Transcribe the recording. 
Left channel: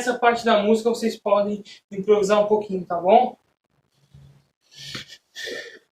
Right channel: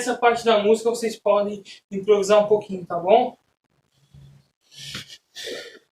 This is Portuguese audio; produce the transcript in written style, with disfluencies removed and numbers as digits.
nessa parte da música vocês podem improvisar um pouquinho, tá bom?